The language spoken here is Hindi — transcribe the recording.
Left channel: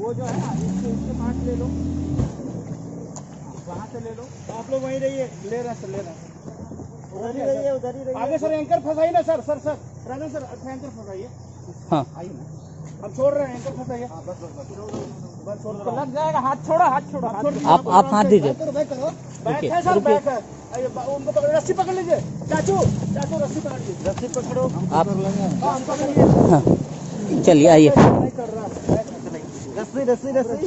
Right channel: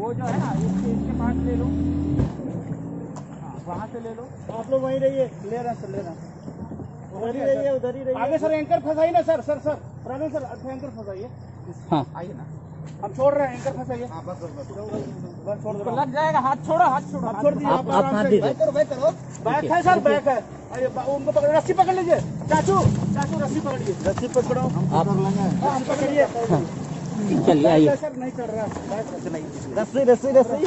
वो जो है ना इसके पास ले लो, वहाँ से ले लो। आप लोग वहीं रहिए, ले रहे हैं सर, ले रहे हैं उधर ही रहिए, उधर ही रहिए। आगे सर एंकर फंसाइए ना sir, sir Praveen sir anchor फंसाइए। हाँ आइए ना, हम छोड़ रहे हैं, एंकर फंसाइए। बस छोड़ दो, लग जाएगा। हाथ छोड़ो, हाथ छोड़ो, आप हाथ दीजिए। बैक है सर, बैक है। उनको पकड़, रस्सी पकड़ लीजिए। चाचू रस्सी पकड़िए, रस्सी पकड़ो आप। हम पकड़िए, चलिए आइए। नहीं चल रहा है रस्सी।